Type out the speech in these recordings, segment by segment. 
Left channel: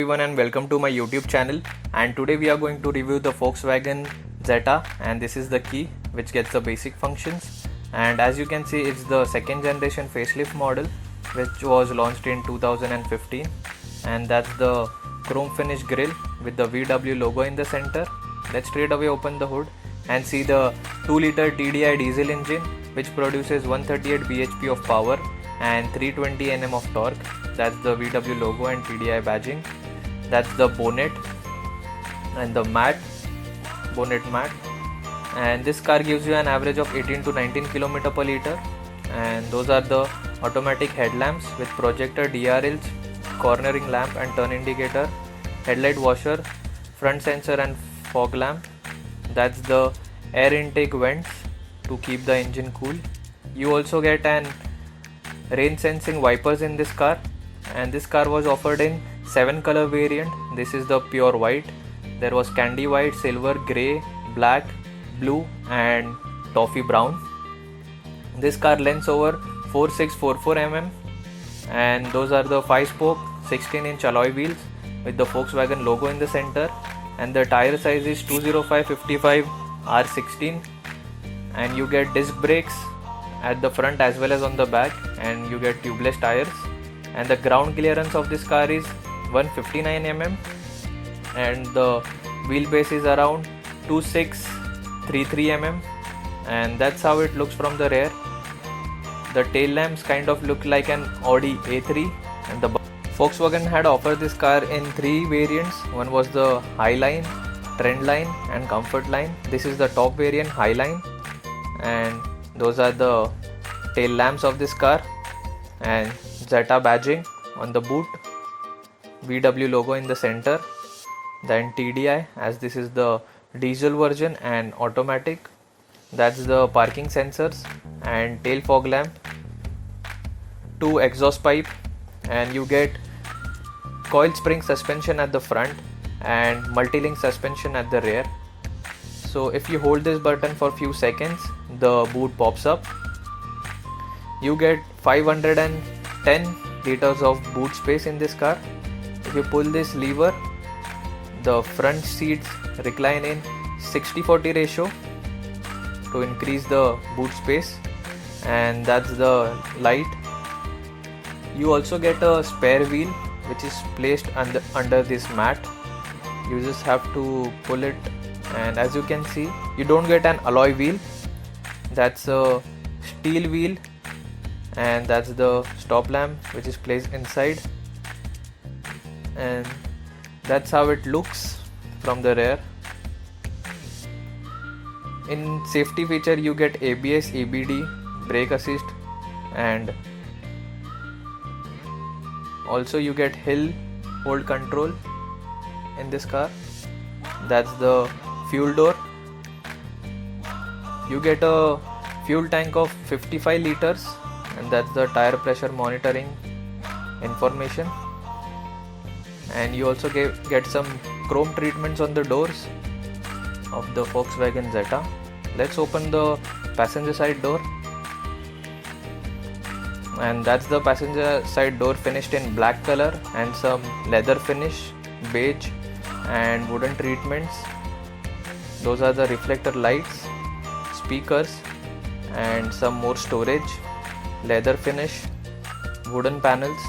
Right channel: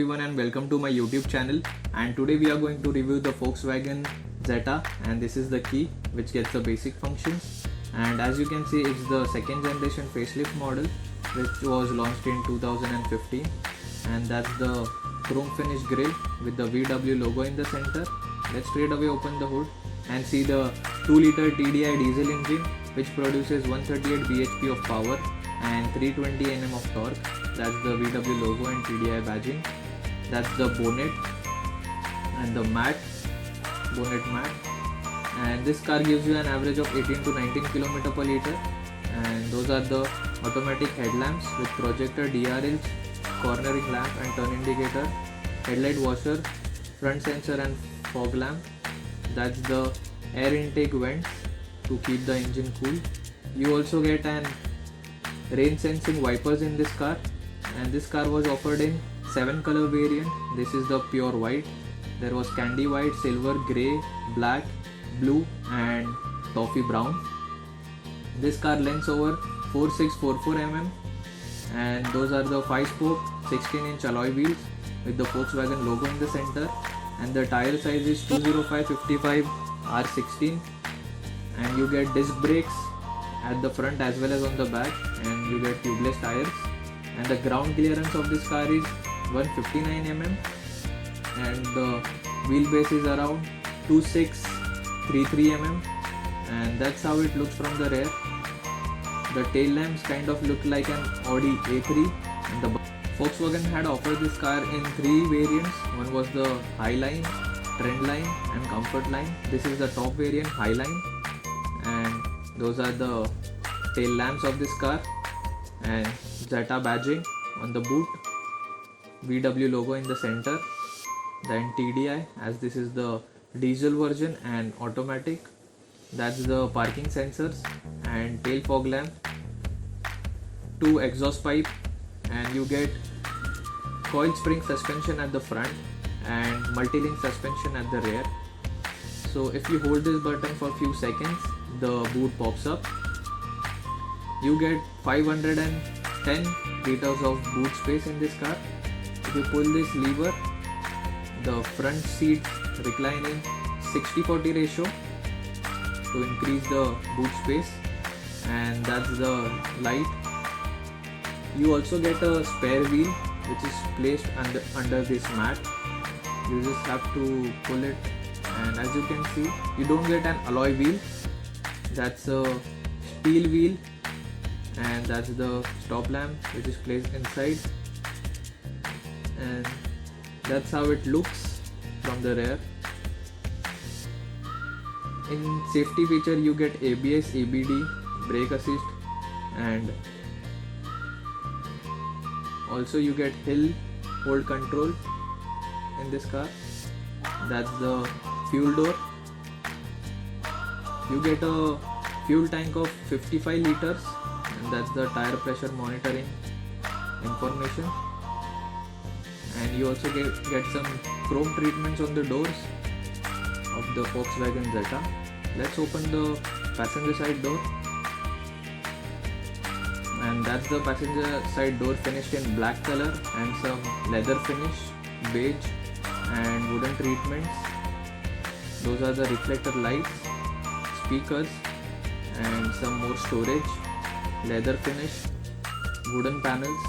Everyone and welcome to my YouTube channel, and today we are going to review the Volkswagen Jetta, and this is the key which gets the basic functions. And as you can see, it's the second generation facelift model which was launched in 2015, and that's the chrome finish grille with the VW logo in the center. Let's straight away open the hood and see the 2-liter TDI diesel engine which produces 138 bhp of power and 320 Nm of torque. That's the VW logo and TDI badging. That's the bonnet and the bonnet mat, and this car gives you an average of 18 to 19 km per liter. And those are the automatic headlamps with projector DRLs, cornering lamp and turn indicator, headlight washer, front sensor and fog lamp. That's the air intake vents to keep the engine cool. You also get an rain sensing wipers in this car, and this car was offered in 7 color variant. This is the pure white. There was candy white, silver, grey, black, blue and toffee brown. This car lengths over 4644 mm, and those are the 5-spoke 16-inch alloy wheels with the Volkswagen logo in the center, and the tire size is 205/55 R16, and you get disc brakes at the front as well as on the back, and you get tubeless tires. And the ground clearance of this car is 159 mm, and the wheelbase is around 2633 mm, and that's how it looks from the rear. The tail lamps kind of look like an Audi A3, and the Volkswagen had offered this car in 3 variants. One was the Highline, Trendline and Comfort Line. This is the top variant, Highline, and those are the tail lamps of this car, and Jetta badging on the boot, VW logo in the center, then TDI, as this is the diesel version and automatic. That's the parking sensors and tail fog lamp, 2 exhaust pipe, and you get coil spring suspension at the front and multi-link suspension at the rear. So if you hold this button for a few seconds, the boot pops up. You get 510 liters of boot space in this car. If you pull this lever, the front seats recline in 60-40 ratio to increase the boot space, and that's the light. You also get a spare wheel which is placed under this mat. You just have to pull it, and as you can see, you don't get an alloy wheel. That's a steel wheel, and that's the stop lamp which is placed inside, and that's how it looks from the rear. In safety feature, you get ABS, EBD, brake assist, and also you get hill hold control in this car. That's the fuel door. You get a fuel tank of 55 liters, and that's the tire pressure monitoring information. And you also get some chrome treatments on the doors of the Volkswagen Jetta. Let's open the passenger side door, and that's the passenger side door finished in black color and some leather finish, beige and wooden treatments. Those are the reflector lights, speakers and some more storage, leather finish, wooden panels,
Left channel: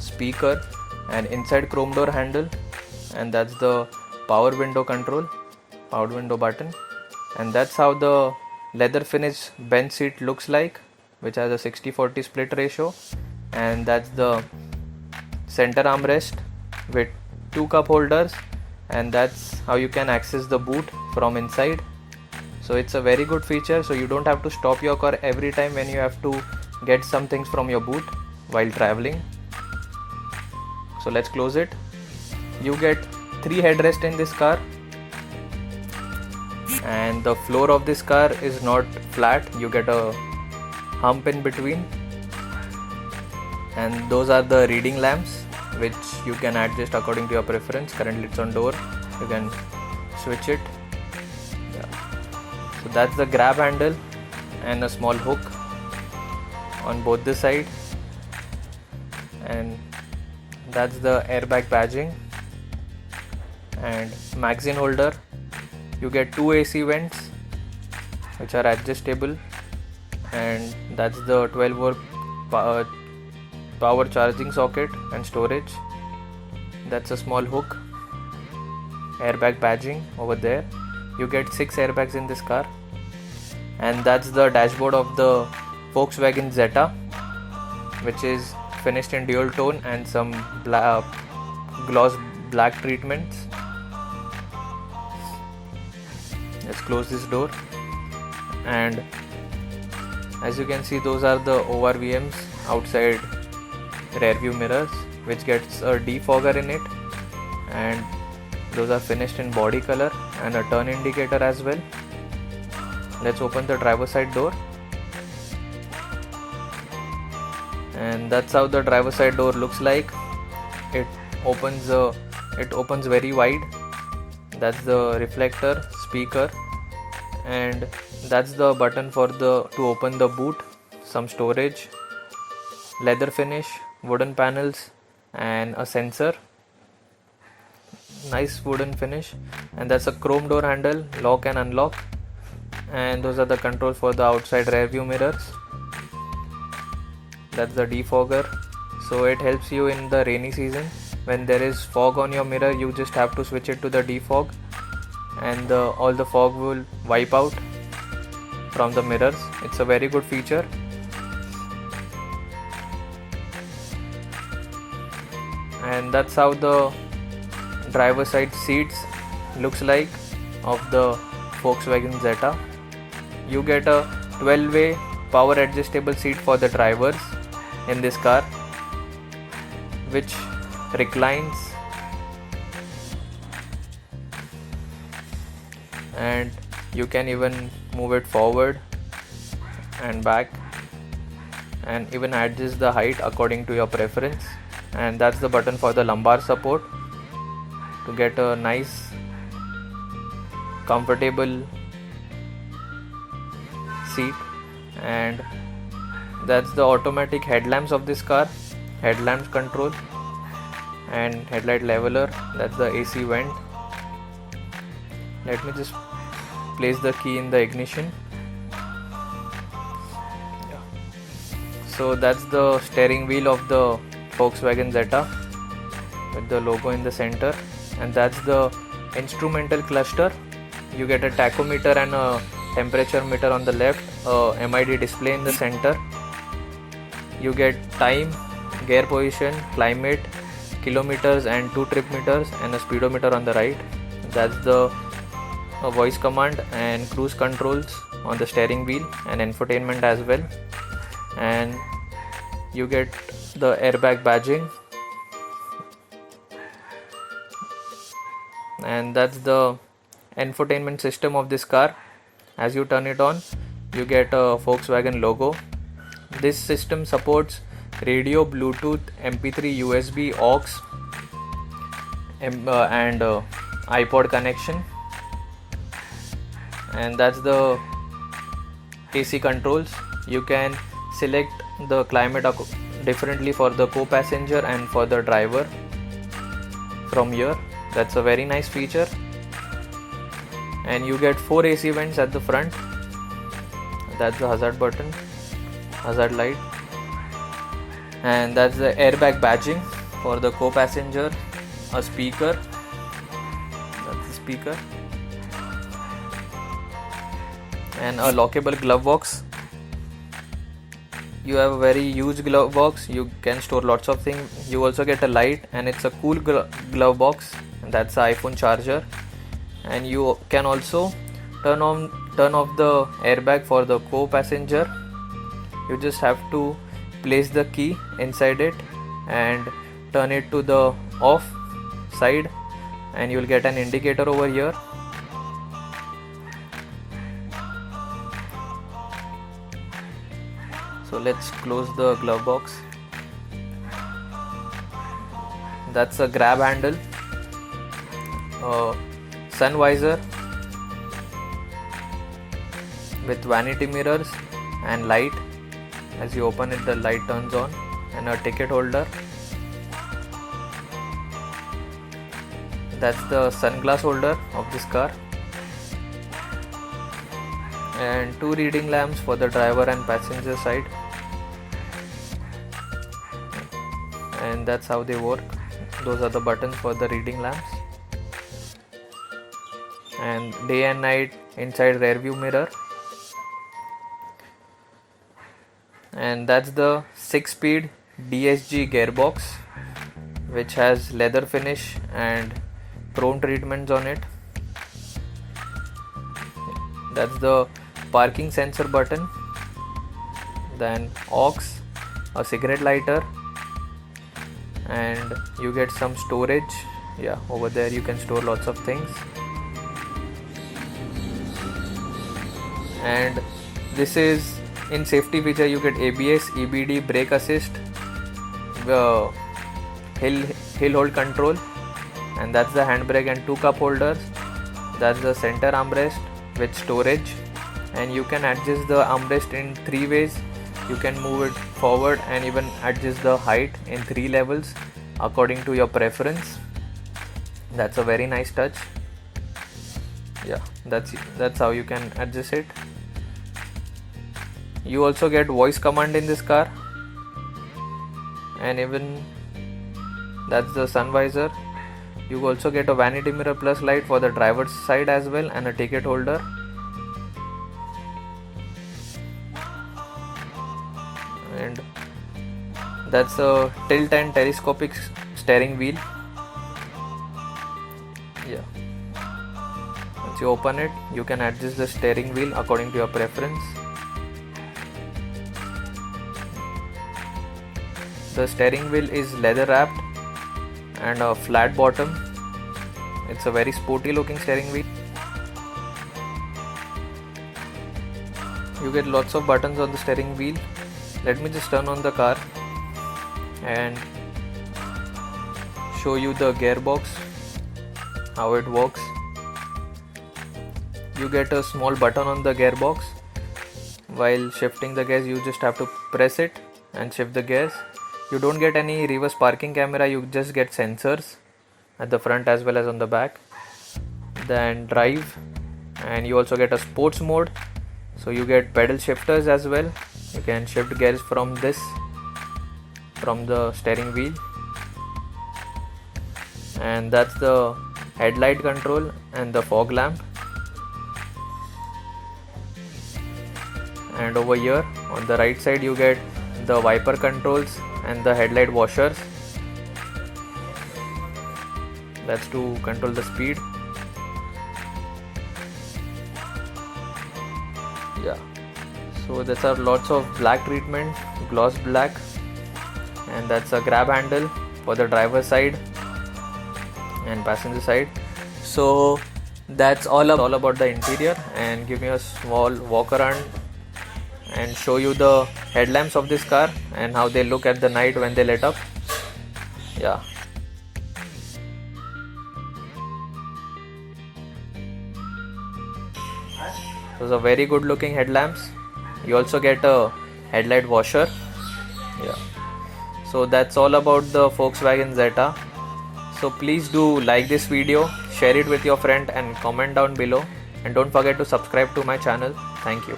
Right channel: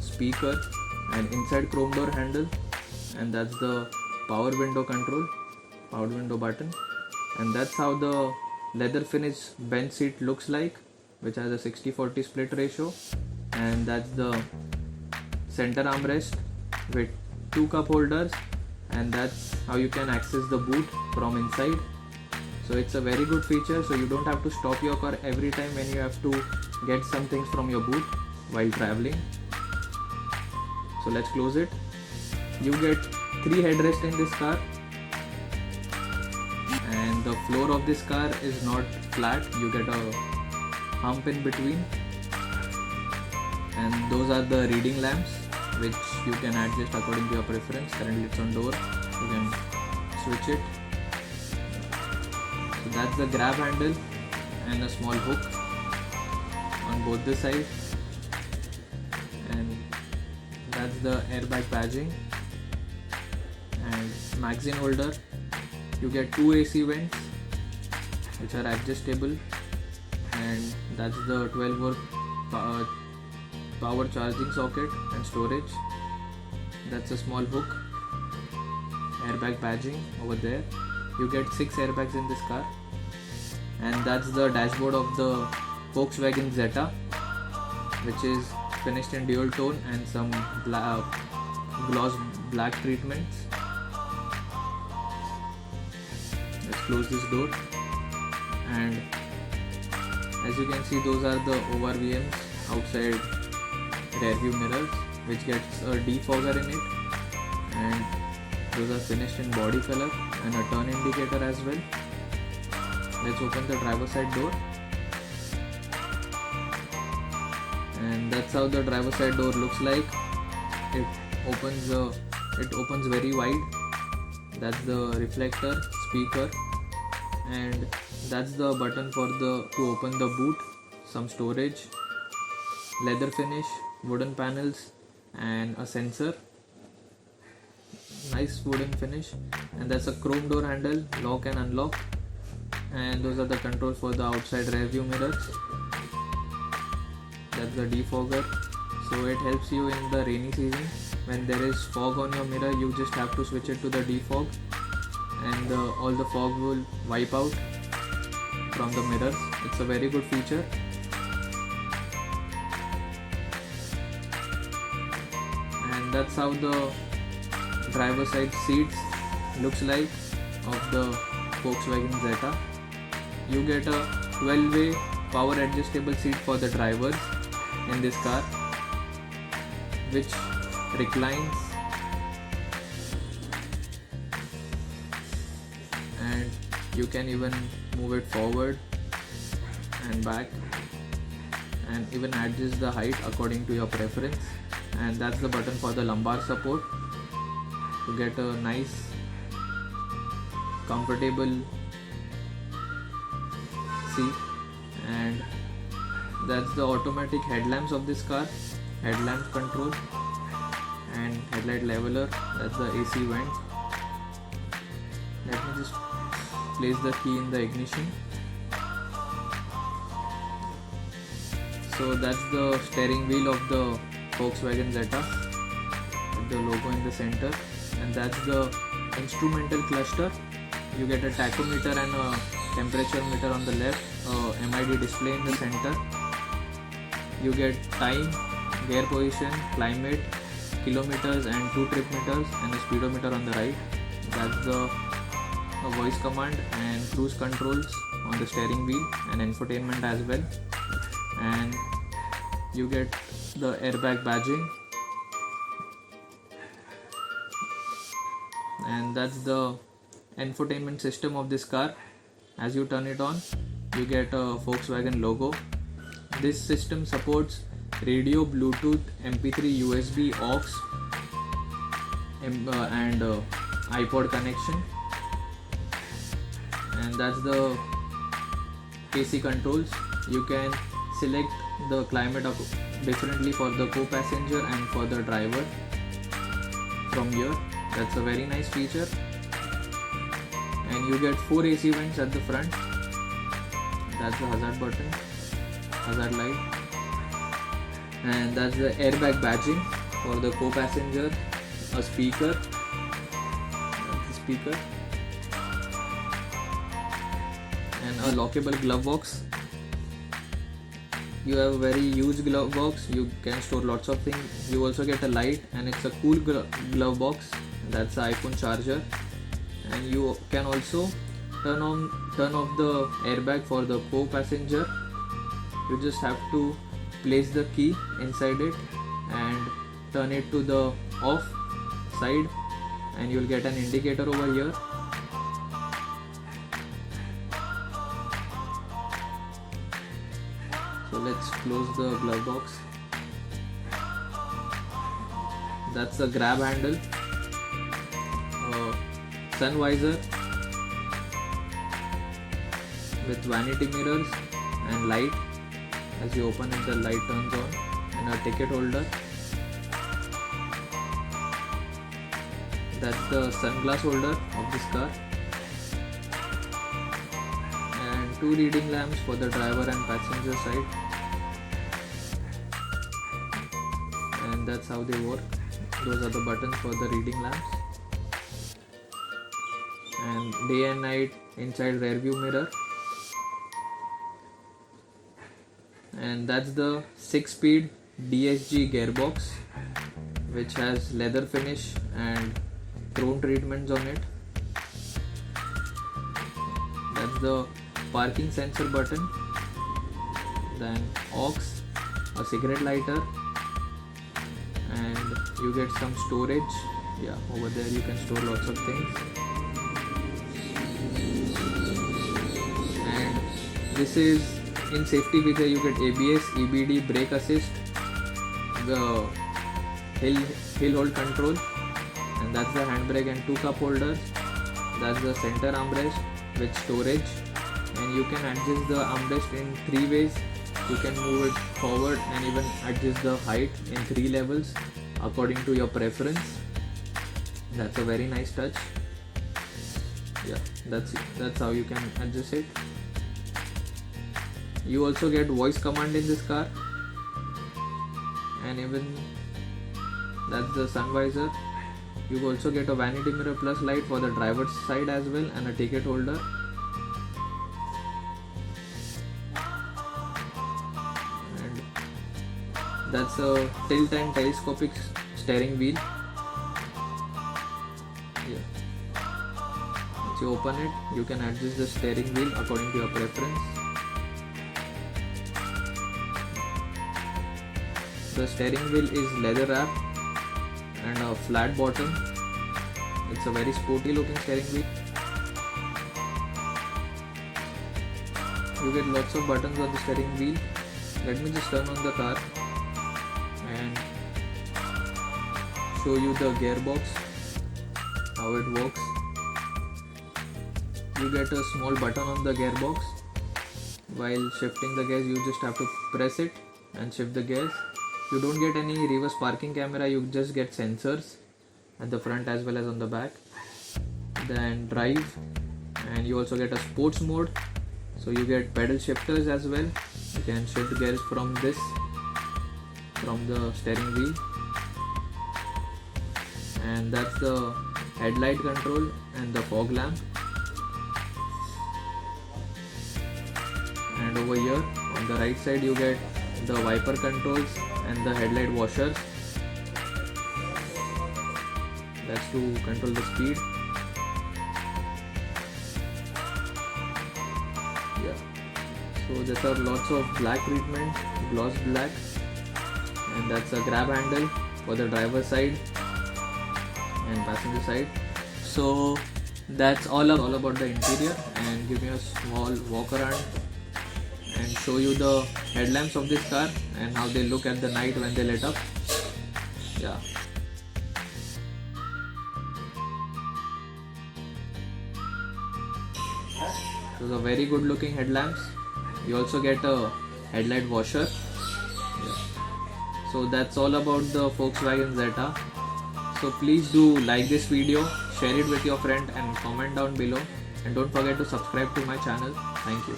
speaker and inside chrome door handle, and that's the power window control, power window button. And that's how the leather finish bench seat looks like, which has a 60-40 split ratio, and that's the center armrest with 2 cup holders, and that's how you can access the boot from inside. So it's a very good feature, so you don't have to stop your car every time when you have to get some things from your boot while traveling. So let's close it. You get 3 headrests in this car, and the floor of this car is not flat. You get a hump in between, and those are the reading lamps which you can adjust according to your preference. Currently it's on door, you can switch it. So that's the grab handle and a small hook on both the side, and that's the airbag badging. And magazine holder, you get two AC vents which are adjustable, and that's the 12 volt power charging socket and storage. That's a small hook. Airbag badging over there. You get 6 airbags in this car. And that's the dashboard of the Volkswagen Zeta, which is finished in dual tone and some gloss black treatments. Let's close this door. And as you can see, those are the ORVMs outside rear view mirrors, which gets a defogger in it, and those are finished in body color and a turn indicator as well. Let's open the driver side door, and that's how the driver side door looks like. It opens very wide. That's the reflector, speaker, and that's the button for to open the boot. Some storage, leather finish, wooden panels, and a sensor. Nice wooden finish. And that's a chrome door handle, lock and unlock. And those are the controls for the outside rear view mirrors. That's the defogger, so it helps you in the rainy season. When there is fog on your mirror, you just have to switch it to the defog, and all the fog will wipe out from the mirrors. It's a very good feature. And that's how the driver side seats looks like of the Volkswagen Zeta. You get a 12-way power adjustable seat for the drivers in this car, which reclines, and you can even move it forward and back, and even adjust the height according to your preference. And that's the button for the lumbar support to get a nice comfortable seat. And that's the automatic headlamps of this car, headlamp control and headlight leveler. That's the AC vent. Let me just place the key in the ignition. So that's the steering wheel of the Volkswagen Zeta with the logo in the center, and that's the instrumental cluster. You get a tachometer and a temperature meter on the left, a MID display in the center. You get time, gear position, climate, kilometers and 2 trip meters, and a speedometer on the right. That's the voice command and cruise controls on the steering wheel and infotainment as well. And you get the airbag badging, and that's the infotainment system of this car. As you turn it on, you get a Volkswagen logo. This system supports radio, Bluetooth, MP3, USB, aux, and iPod connection. And that's the AC controls. You can select the climate differently for the co-passenger and for the driver from here. That's a very nice feature. And you get 4 AC vents at the front. That's the hazard button, hazard light. And that's the airbag badging for the co-passenger. A speaker, that's the speaker, and a lockable glove box. You have a very huge glove box. You can store lots of things. You also get a light, and it's a cool glove box. That's the iPhone charger. And you can also turn off the airbag for the co-passenger. You just have to place the key inside it and turn it to the off side, and you will get an indicator over here. So let's close the glove box. That's a grab handle, sun visor with vanity mirrors and light. As you open it, the light turns on, and a ticket holder. That's the sunglass holder of this car, and 2 reading lamps for the driver and passenger side, and that's how they work. Those are the buttons for the reading lamps, and day and night inside rear view mirror. And that's the 6-speed DSG gearbox, which has leather finish and chrome treatments on it. That's the parking sensor button, then aux, a cigarette lighter, and you get some storage. Yeah, over there you can store lots of things. And this is in safety feature, you get ABS, EBD, brake assist, the hill hold control, and that's the handbrake, and 2 cup holders. That's the center armrest with storage, and you can adjust the armrest in 3 ways. You can move it forward and even adjust the height in 3 levels according to your preference. That's a very nice touch. Yeah, that's how you can adjust it. You also get voice command in this car, and even that's the sun visor. You also get a vanity mirror plus light for the driver's side as well, and a ticket holder. And that's a tilt and telescopic steering wheel. Yeah, once you open it, you can adjust the steering wheel according to your preference. The steering wheel is leather wrapped and a flat bottom. It's a very sporty looking steering wheel. You get lots of buttons on the steering wheel. Let me just turn on the car and show you the gearbox, how it works. You get a small button on the gearbox. While shifting the gears, you just have to press it and shift the gears. You don't get any reverse parking camera, you just get sensors at the front as well as on the back. Then drive, and you also get a sports mode, so you get pedal shifters as well. You can shift gears from the steering wheel. And that's the headlight control and the fog lamp. And over here on the right side you get the wiper controls and the headlight washers. That's to control the speed. Yeah, so there are lots of black treatment, gloss black, and that's a grab handle for the driver's side and passenger side. So that's all about the interior, and give me a small walk around and show you the headlamps of this car and how they look at the night when they light up. Yeah. Those are very good looking headlamps. You also get a headlight washer. Yeah. So that's all about the Volkswagen Jetta. So please do like this video, share it with your friend and comment down below, and don't forget to subscribe to my channel. Thank you.